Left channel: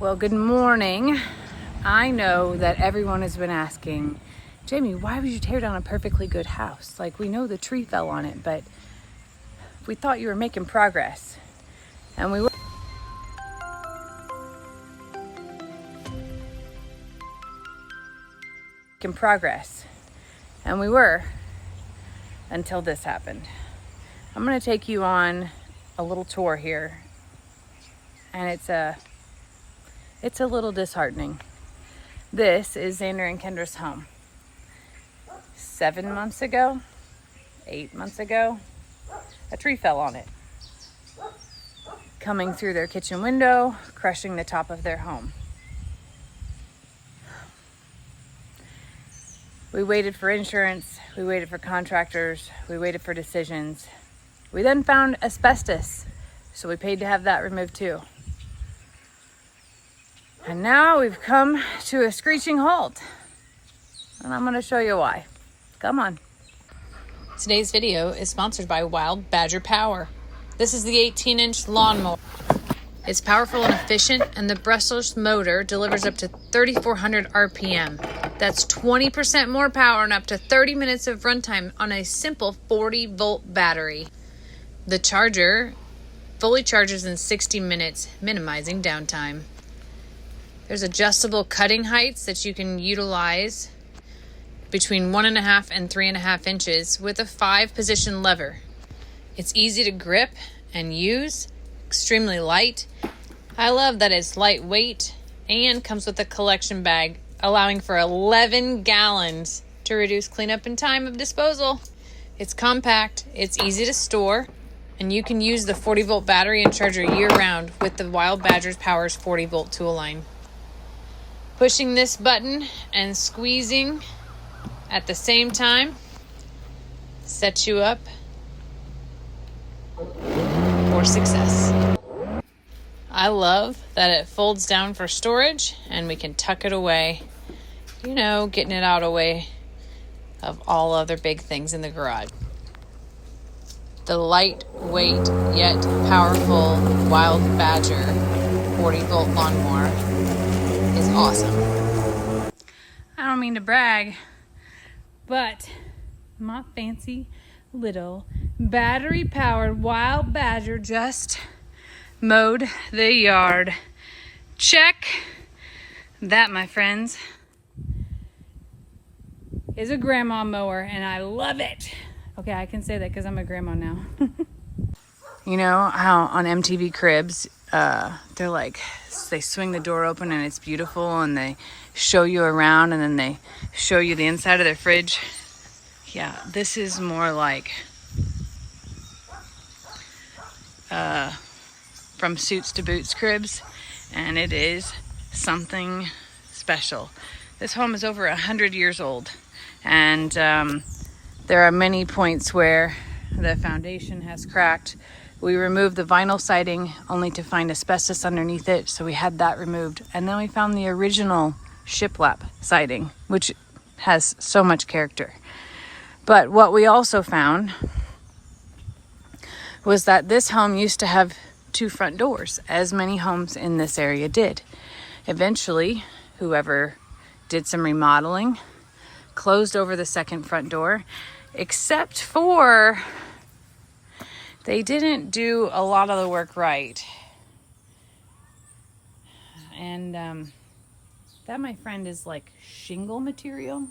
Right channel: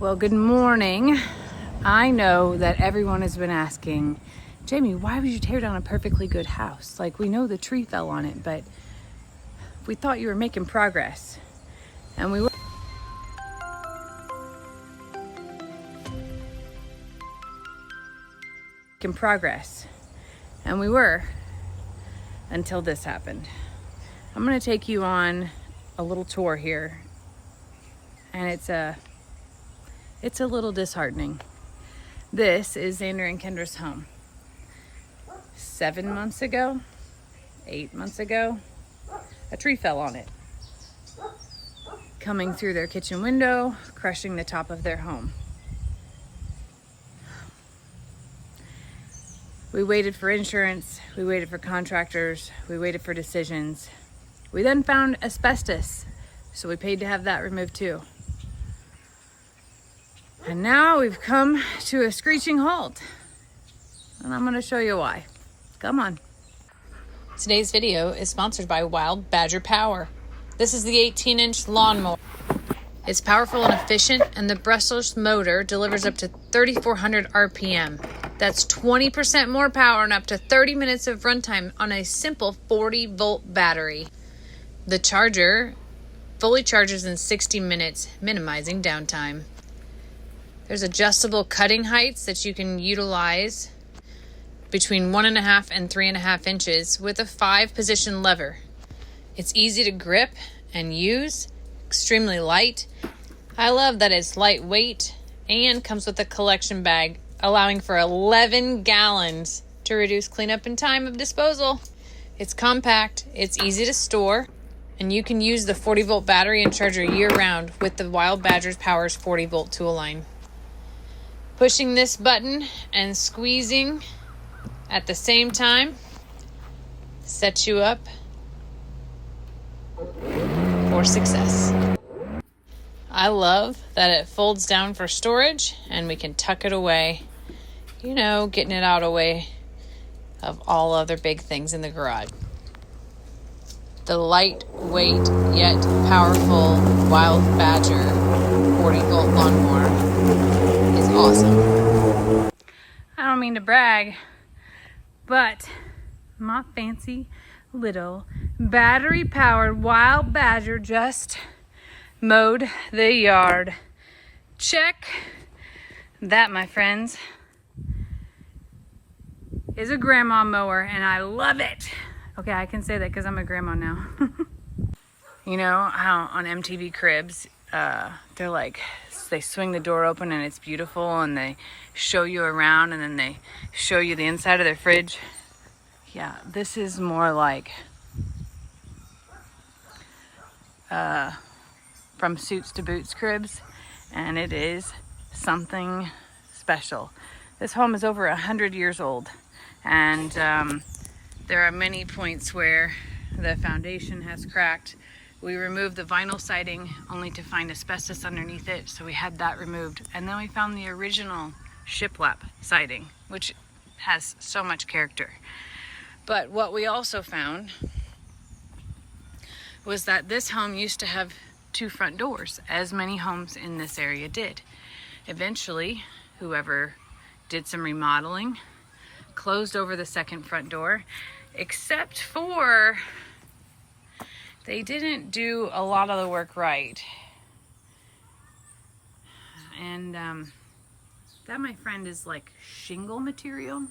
Well, good morning. I know that everyone has been asking, Jamie, why would you tear down a perfectly good house? Like, we know the tree fell on it, but we thought you were making progress. And we were. Making progress. And we were until this happened. I'm going to take you on a little tour here. And it's a little disheartening. This is Xander and Kendra's home. 7 months ago, 8 months ago, a tree fell on it, coming through their kitchen window, crushing the top of their home. We waited for insurance, we waited for contractors, we waited for decisions. We then found asbestos, so we paid to have that removed too. And now we've come to a screeching halt. And I'm gonna show you why. Come on. Today's video is sponsored by Wild Badger Power. This is the 18-inch lawnmower. It's powerful and efficient, and the brushless motor delivers up to 3,400 RPM. That's 20% more power and up to 30 minutes of runtime on a simple 40-volt battery. The charger fully charges in 60 minutes, minimizing downtime. There's adjustable cutting heights that you can utilize between 1.5 and 3.5 inches with a 5-position lever. It's easy to grip and use, extremely light. I love that it's lightweight and comes with a collection bag, allowing for 11 gallons to reduce cleanup and time of disposal. It's compact, it's easy to store, and you can use the 40-volt battery and charger year-round with the Wild Badger Power's 40-volt tool line. Pushing this button and squeezing at the same time sets you up for success. I love that it folds down for storage and we can tuck it away, getting it out of the way of all other big things in the garage. The lightweight yet powerful Wild Badger 40-volt lawnmower is awesome. I don't mean to brag, but my fancy little battery-powered Wild Badger just mowed the yard. Check. That, my friends, is a grandma mower, and I love it. Okay, I can say that because I'm a grandma now. You know how on MTV Cribs, they're like, they swing the door open and it's beautiful, and they show you around, and then they show you the inside of their fridge. Yeah, this is more like from Suits to Boots Cribs, and it is something special. This home is over 100 years old, and there are many points where the foundation has cracked. We removed the vinyl siding only to find asbestos underneath it, so we had that removed. And then we found the original shiplap siding, which has so much character. But what we also found was that this home used to have 2 front doors, as many homes in this area did. Eventually, whoever did some remodeling closed over the second front door, except for they didn't do a lot of the work right. And that, my friend, is like shingle material.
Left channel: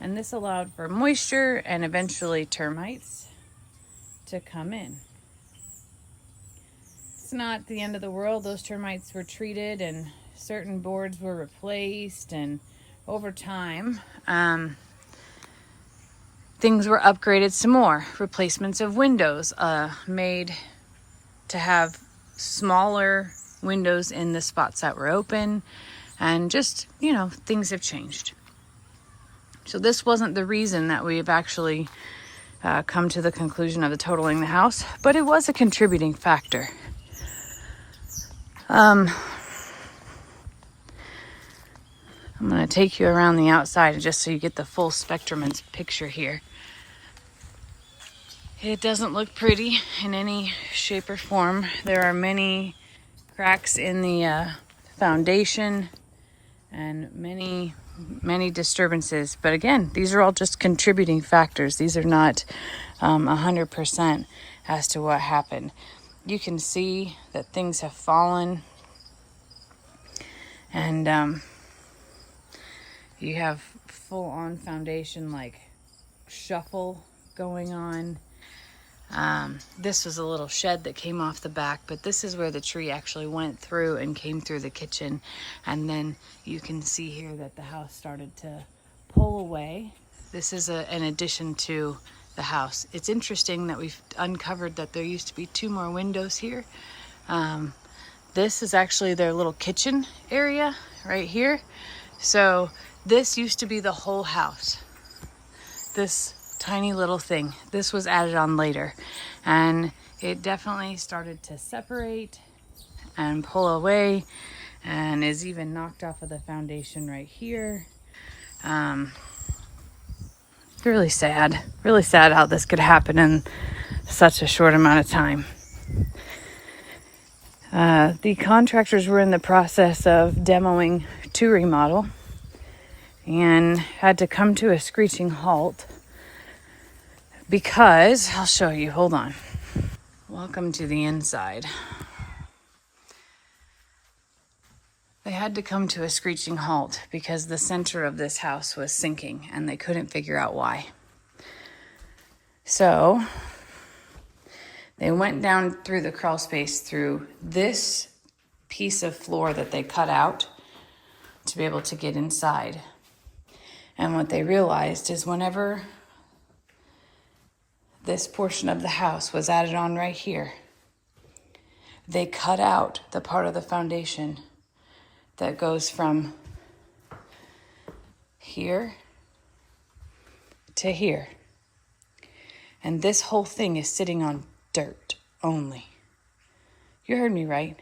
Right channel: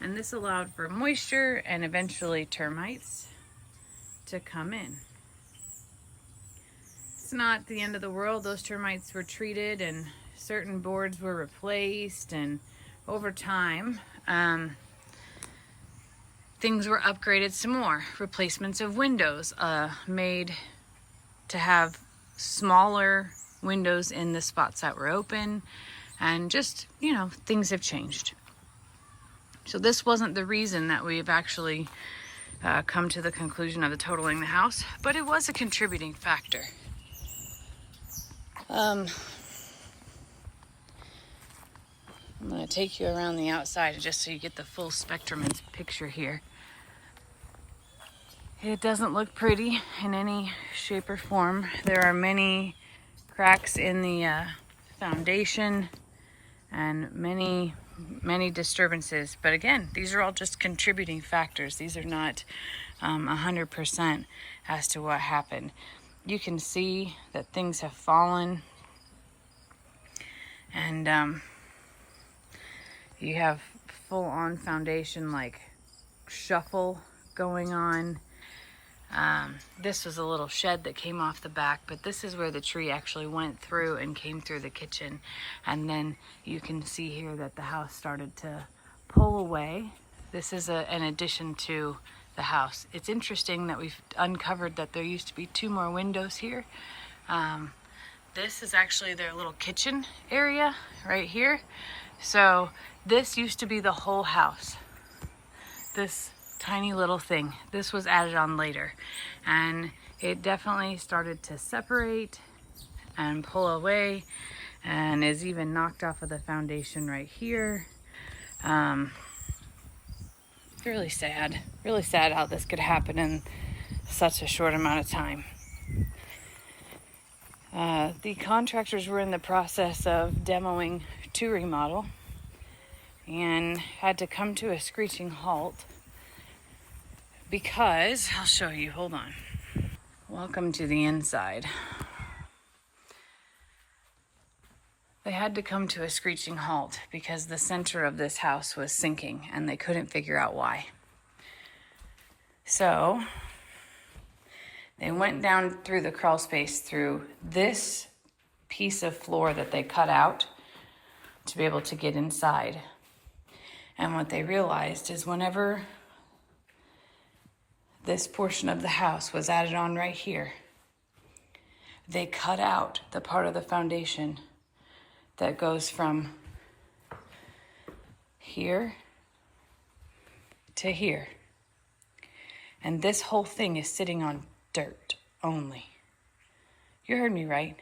And this allowed for moisture and eventually termites to come in. It's not the end of the world. Those termites were treated and certain boards were replaced, and over time, things were upgraded some more. Replacements of windows made to have smaller windows in the spots that were open, and just, things have changed. So this wasn't the reason that we've actually come to the conclusion of totaling the house, but it was a contributing factor. I'm going to take you around the outside just so you get the full spectrum and picture here. It doesn't look pretty in any shape or form. There are many cracks in the foundation, and many disturbances. But again, these are all just contributing factors. These are not 100% as to what happened. You can see that things have fallen, and you have full-on foundation like shuffle going on. This was a little shed that came off the back, but this is where the tree actually went through and came through the kitchen. And then you can see here that the house started to pull away. This is an addition to the house. It's interesting that we've uncovered that there used to be 2 more windows here. This is actually their little kitchen area right here. So this used to be the whole house. This tiny little thing. This was added on later, and it definitely started to separate and pull away, and is even knocked off of the foundation right here. Really sad how this could happen in such a short amount of time. The contractors were in the process of demoing to remodel and had to come to a screeching halt because, I'll show you, hold on. Welcome to the inside. They had to come to a screeching halt because the center of this house was sinking and they couldn't figure out why. So they went down through the crawl space through this piece of floor that they cut out to be able to get inside. And what they realized is whenever this portion of the house was added on right here, they cut out the part of the foundation that goes from here to here. And this whole thing is sitting on dirt only. You heard me right.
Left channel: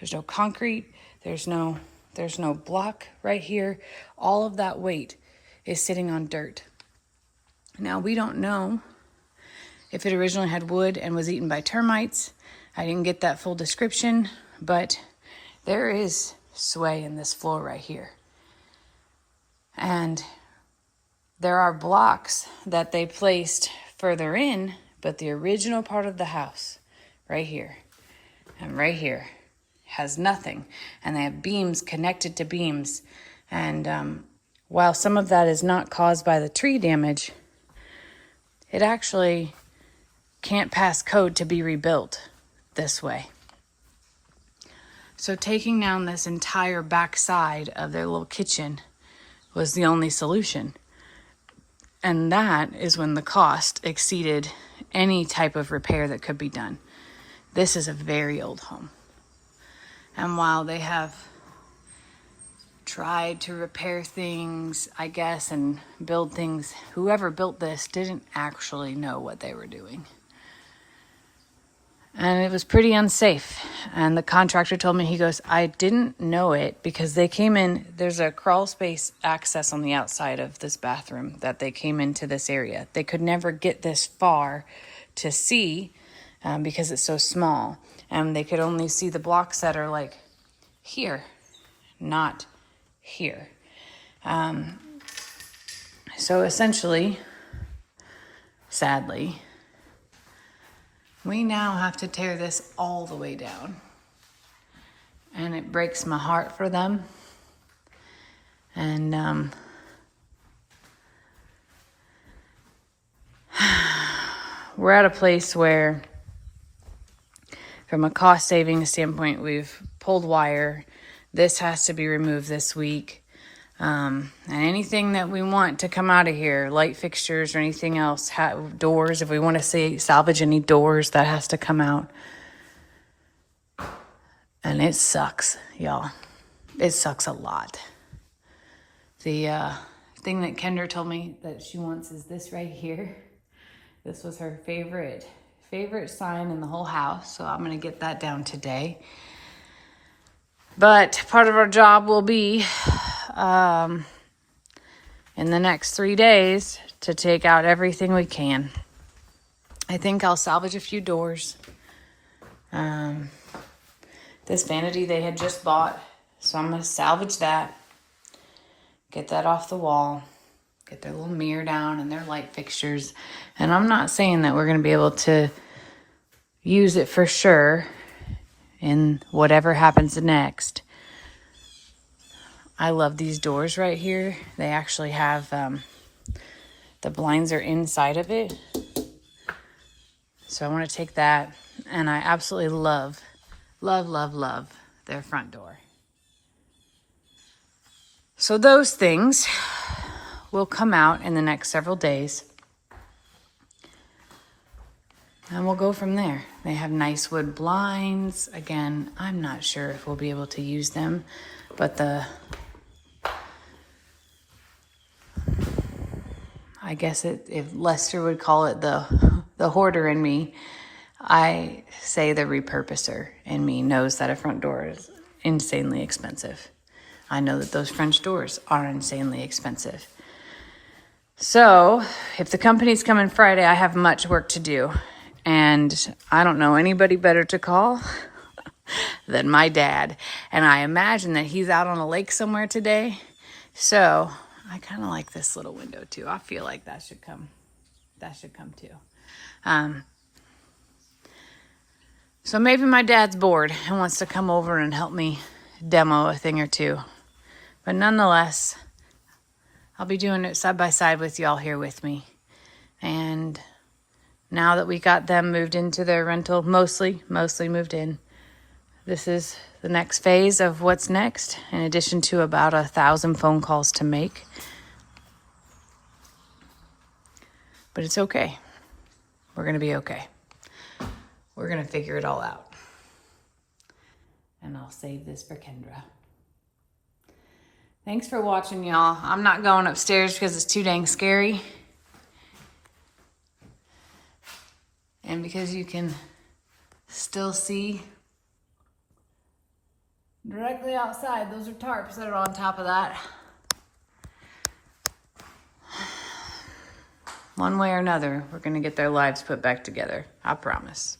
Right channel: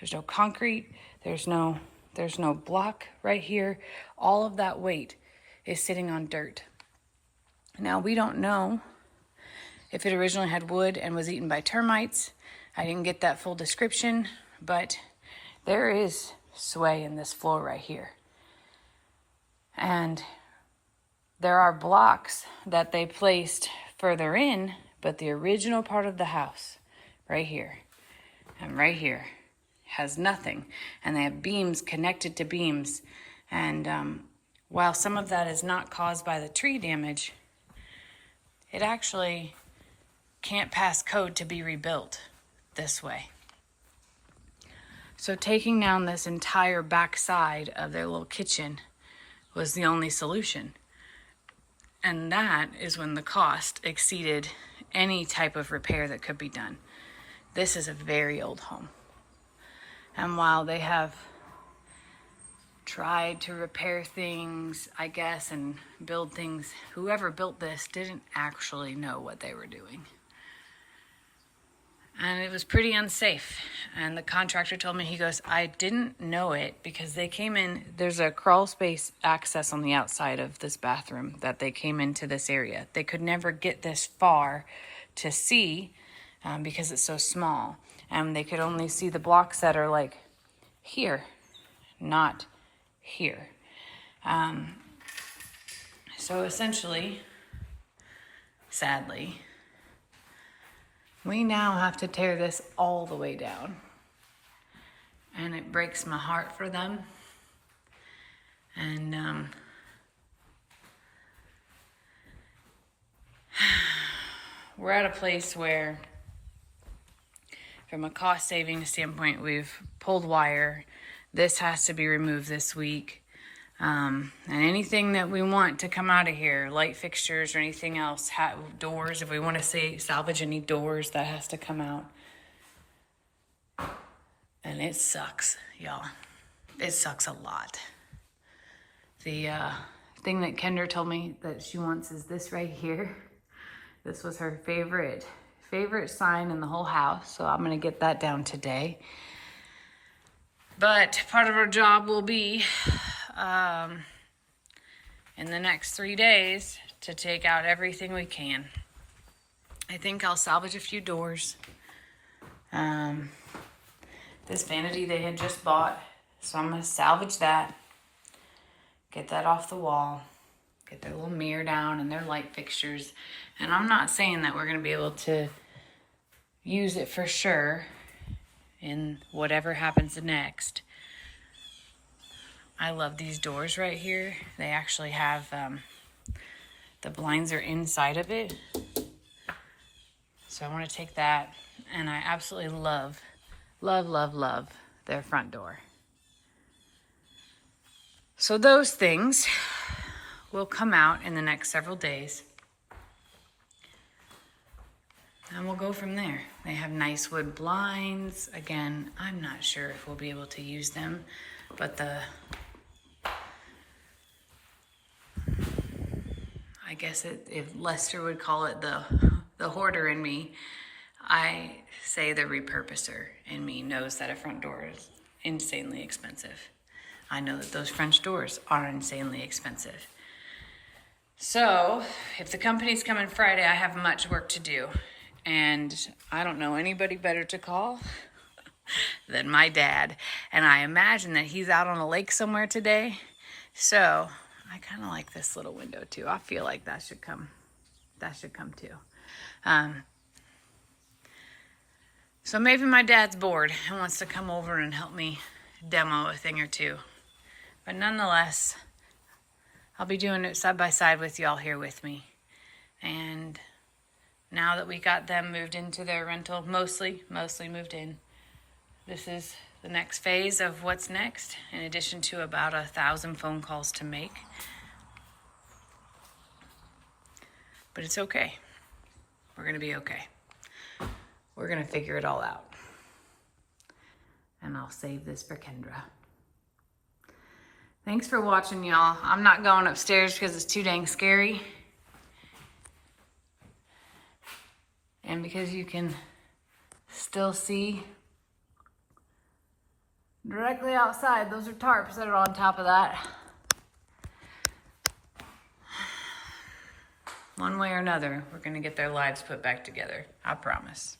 There's no concrete, there's no block right here. All of that weight is sitting on dirt. Now, we don't know if it originally had wood and was eaten by termites. I didn't get that full description, but there is sway in this floor right here. And there are blocks that they placed further in, but the original part of the house, right here and right here, has nothing. And they have beams connected to beams. And while some of that is not caused by the tree damage, it actually can't pass code to be rebuilt this way. So taking down this entire back side of their little kitchen was the only solution. And that is when the cost exceeded any type of repair that could be done. This is a very old home. And while they have tried to repair things, I guess, and build things, whoever built this didn't actually know what they were doing. And it was pretty unsafe. And the contractor told me, he goes, I didn't know it because they came in, there's a crawl space access on the outside of this bathroom that they came into this area. They could never get this far to see because it's so small. And they could only see the blocks that are like here, not here. So essentially, sadly, we now have to tear this all the way down. And it breaks my heart for them. And we're at a place where, from a cost saving standpoint, we've pulled wire. This has to be removed this week. And anything that we want to come out of here, light fixtures or anything else, doors, if we want to salvage any doors, that has to come out. And it sucks, y'all. It sucks a lot. The thing that Kendra told me that she wants is this right here. This was her favorite sign in the whole house, so I'm going to get that down today. But part of our job will be in the next 3 days to take out everything we can. I think I'll salvage a few doors. This vanity they had just bought So I'm going to salvage that, get that off the wall, get their little mirror down and their light fixtures. And I'm not saying that we're going to be able to use it for sure in whatever happens next. I love these doors right here. They actually have, the blinds are inside of it. So I want to take that, and I absolutely love their front door. So those things will come out in the next several days. And we'll go from there. They have nice wood blinds. Again, I'm not sure if we'll be able to use them, but I guess if Lester would call it the hoarder in me, I say the repurposer in me knows that a front door is insanely expensive. I know that those French doors are insanely expensive. So if the company's coming Friday, I have much work to do. And I don't know anybody better to call than my dad. And I imagine that he's out on a lake somewhere today. So I kind of like this little window too. I feel like that should come too. So maybe my dad's bored and wants to come over and help me demo a thing or two. But nonetheless, I'll be doing it side by side with y'all here with me. And now that we got them moved into their rental, mostly moved in, this is the next phase of what's next, in addition to about 1,000 phone calls to make. But it's okay. We're going to be okay. We're going to figure it all out. And I'll save this for Kendra. Thanks for watching, y'all. I'm not going upstairs because it's too dang scary. And because you can still see directly outside. Those are tarps that are on top of that. One way or another, we're going to get their lives put back together. I promise.